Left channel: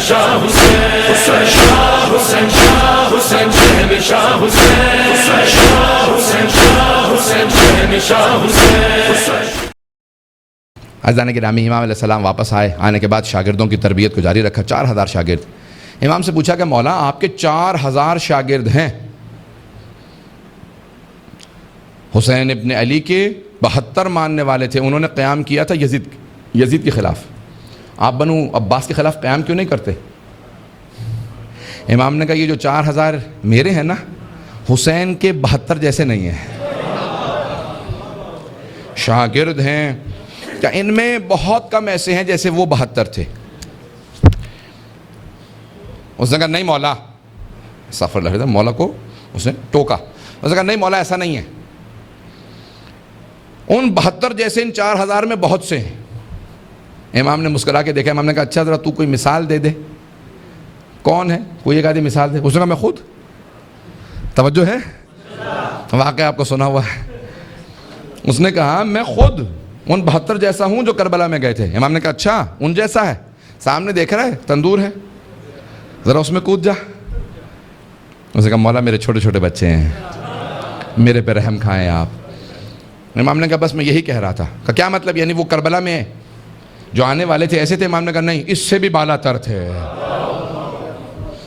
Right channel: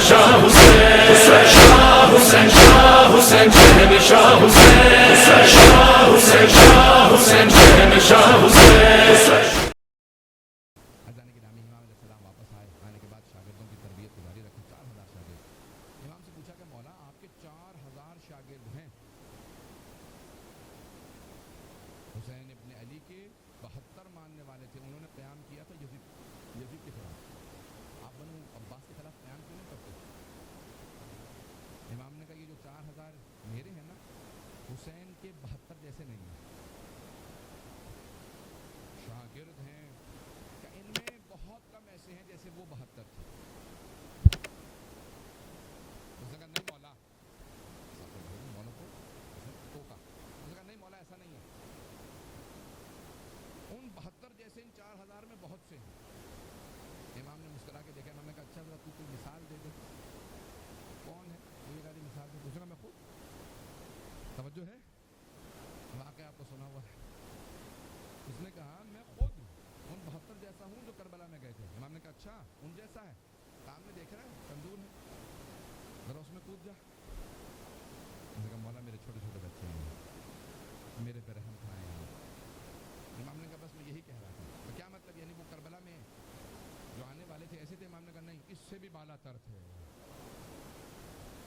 شاہ حسین شاہ حسین شاہ حسین شہنشاہ حسین شاہ حسین شاہ حسین شہنشاہ حسین۔ عزیزان گرامی، امام علیہ السلام واپس آئے، آنے کے بعد شاگردوں کی تربیت کو جاری رکھا، 4000 شاگرد۔ امام سے پوچھا کہ مولا آپ کے 4000 شاگرد ہیں، حسین ابن علی کے 72 ماننے والے تھے، انہوں نے قیام کیا تھا یزید کے خلاف، آپ بنو عباس کے خلاف قیام کیوں نہیں کرتے؟ امام نے کہا یہ جو 4000 میرے ہیں نا، حسین کے 72 جیسے نہیں ہیں، شاگرد ہیں کہ ان میں بہت کم ایسے ہیں جیسے وہ 72 تھے۔ اس نے کہا نہیں مولا، سفر لگ رہا تھا، مولا کو اس نے ٹوکا، اس نے کہا نہیں مولا ایسا نہیں ہے، ان 72 جیسے ان 4000 میں بہت سے ہیں۔ امام نے مسکرا کے دیکھا، امام نے کہا اچھا ذرا تو کوئی مثال دے دے، کون ہے؟ کوئی ایک آدھی مثال دے۔ اس نے کہا میں خود، توجہ ہے، واقعہ آپ کو سنا ہوا ہے۔ اس نے کہا میں خود ان 72 جیسا ہوں جو کربلا میں گئے تھے۔ امام نے کہا اچھا ان جیسا ہے؟ سامنے دیکھ رہا ہے تندور ہے، ذرا اس میں کود جا۔ اس نے کہا مولا میرے چھوٹے چھوٹے بچے ہیں، میرے پہ رحم کھائیں آپ۔ امام نے کہا بس میں یہی کہہ رہا تھا۔ کہا کیا مطلب؟ یعنی وہ کربلا میں جو آنے والے تھے ایسے تھے؟ امام نے کہا نہیں، اس سے بھی بالا تر تھے۔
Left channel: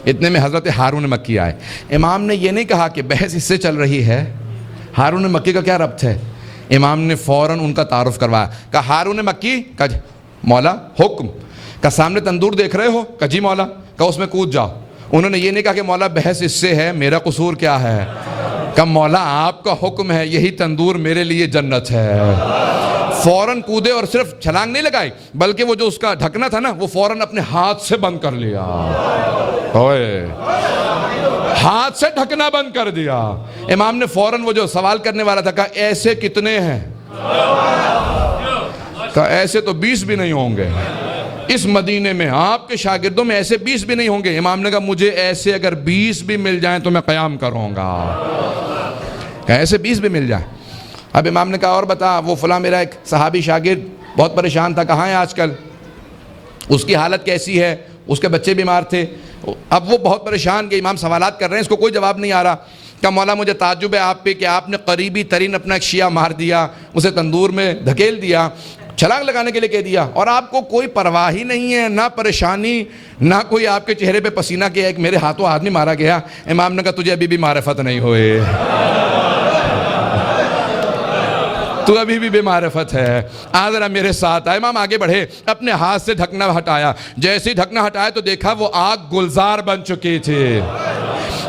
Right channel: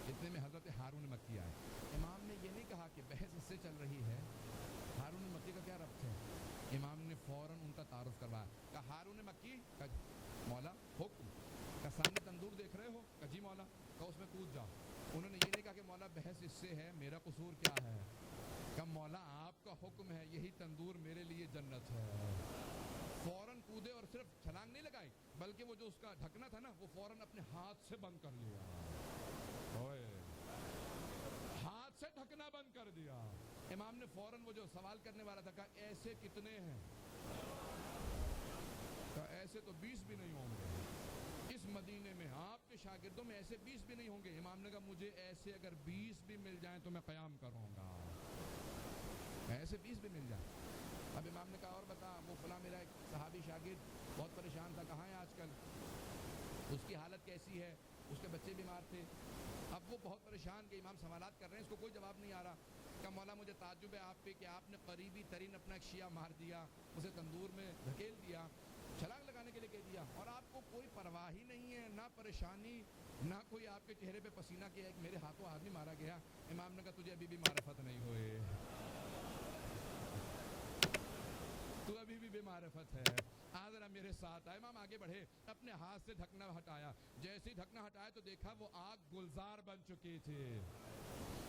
اتنے میں حضرت ہارون مکی آئے۔ امام نے یہ نہیں کہا کہ بحث اس سے چل رہی ہے، ہارون مکی کا کیا ربط ہے؟ امام نے فوراً ان کا تعارف کروایا، کہا ہارون مکی؟ کہا مولا حکم۔ کہا سامنے تندور دیکھ رہے ہو؟ کہا جی مولا۔ کہا اس میں کود جاؤ۔ انہوں نے یہ نہیں کہا کہ مولا بحث اس سے ہے، میرا قصور کیا ہے؟ کہا مولا آپ کا حکم ہے، یہی تندور میرے لیے جنت ہے۔ فوراً کودے اور صرف چھلانگ نہیں لگائی، بلکہ وہ جو اس کا ڈھکنا تھا نا وہ فوراً اپنے ہاتھ سے بند کر لیا، ہاتھ سے ڈھکنا بند کر دیا۔ امام نے فوراً وہ جو سوال کرنے والا تھا کہا ایسے کتنے ہیں؟ کہا ایسے تو 20 بھی نہیں ہوں گے، اس مدینے میں آپ کے شاگردوں میں ایسے 20 بھی نہیں ہوں گے۔ امام نے کہا مجھے ایسے اگر 20 بھی مل جائیں تو میں قیام کروں گا، کہا ایسے 20 بھی مل جائیں۔ اب امام نے کہا اور بتا، وہ فلاں میرا ایک صحابی شاگرد بہت پریشان تھا، کہاں ہے آج کل؟ اس کی حالت کیسی ہے؟ اس کے بچے بیمار تھے، اب وہ بہت پریشان کہ امام سوالات کر رہے ہیں، اس کو کوئی جواب نہیں آ رہا۔ کہا مولا مجھے تعجب ہے آپ پہ کہ آپ نے قریبی ترین اپنا ایک شیعہ مار دیا، اسے تندور میں دھکیل دیا، چھلانگ لگانے کے لیے کہہ دیا، اور آپ کو کوئی پرواہ ہی نہیں ہے، نہ پریشانی، نہ کوئی آپ کے چہرے پہ پسینہ کیا، ایک میرے ہاتھوں آدمی مارا گیا۔ امام نے کہا تجھے ابھی بھی معرفت نہیں ہوئے، تو ابھی بھی بے معرفت ہے، آ ذرا میرے ساتھ آئے۔ امام آگے بڑھے، اپنے ہاتھ سے ڈھکنا ہٹایا، جیسے ہی ڈھکنا ہٹایا تو دیکھا وہ آگ گلزار بن چکی تھی،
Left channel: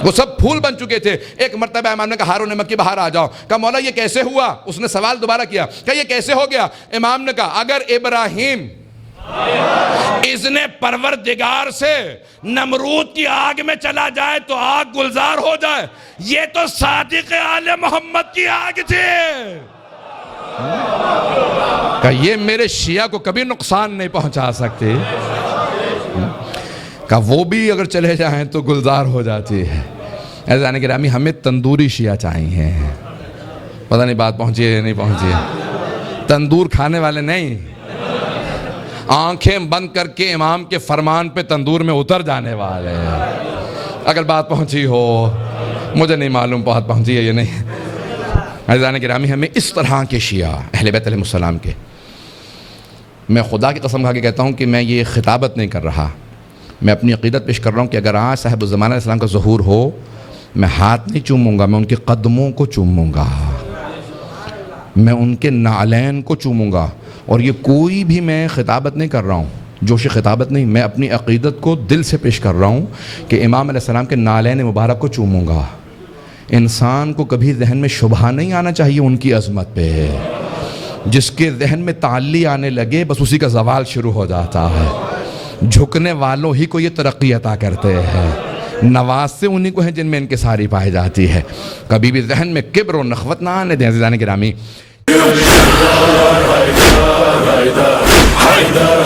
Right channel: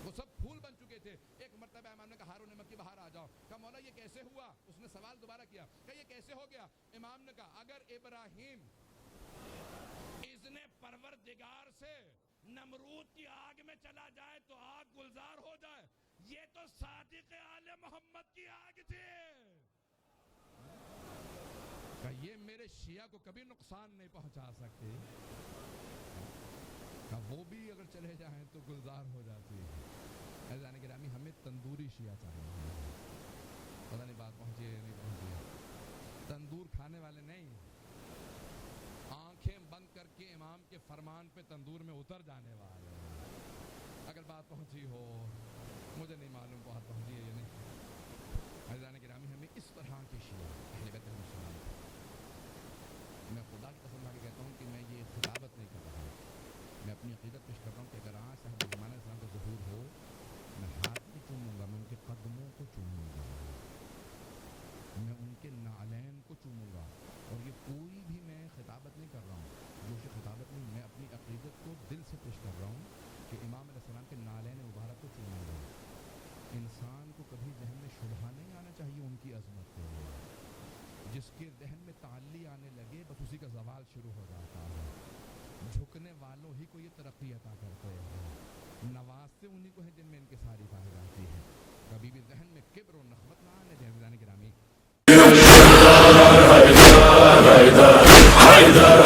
وہ سب پھول بن چکے تھے۔ ایک مرتبہ امام نے کہا ہارون مکی باہر آ جاؤ۔ کہا مولا یہ کیسے ہوا؟ اس نے سوال دوبارہ کیا، کہا یہ کیسے ہو گیا؟ امام نے کہا اگر ابراہیم اذن پروردگار سے نمرود کی آگ میں چلا جائے تو آگ گلزار ہو جائے، یہ تو صادق آل محمد کی آگ تھی، کہ یہ میرے شیعہ کو کبھی نقصان نہیں پہنچا سکتے، کہ وہ بھی اگر چلے جائیں تو گلزار ہو جاتی ہے۔ عزیزان گرامی ہمیں تندوری شیعہ چاہیے، پتہ نہیں بات پہنچی ہے یا نہیں پہنچی ہے، تندور کھانے والے نہیں، آنکھیں بند کر کے امام کے فرمان پہ تندور میں اتر جانے والے۔ اگر بات پہنچی ہو، مجھے نہیں معلوم بات پہنچی ہے یا نہیں۔ عزیزان گرامی ہمیں اس طرح کے شیعہ اہل بیت علیہ السلام کے، میں خدا کی قسم کھا کے کہتا ہوں کہ میں یہ خطابت نہیں کر رہا، میں اپنی عقیدت پیش کر رہا ہوں کہ اگر آج صاحب الزمانہ علیہ السلام کا ظہور ہو، میں ہاتھ نہیں چوموں گا، میں ان کے قدموں کو چوموں گا، میں ان کے نعلین کو چوموں گا۔ اور یہ کوئی بھی میں خطابت نہیں کر رہا ہوں، جوش خطابت نہیں، میں اپنی عقیدت کو دل سے پیش کر رہا ہوں کہ امام علیہ السلام کے نعلین مبارک کو چوموں گا۔ انسان کو کبھی ذہن میں شبہ نہیں آنا چاہیے ان کی عظمت پہ، جس کے ذہن میں تعلی آنے لگے بس اسی کا زوال شروع ہو جاتا ہے۔ جھکنے والوں ہی کو یہ ترقی عطا کرتے ہیں، نواز سے انہی کو ہیں جن میں انکساری پائی جاتی ہے۔ کبھی بھی ذہن میں کبر و نخوت نہ آنے دیں عزیزان گرامی۔ حیدر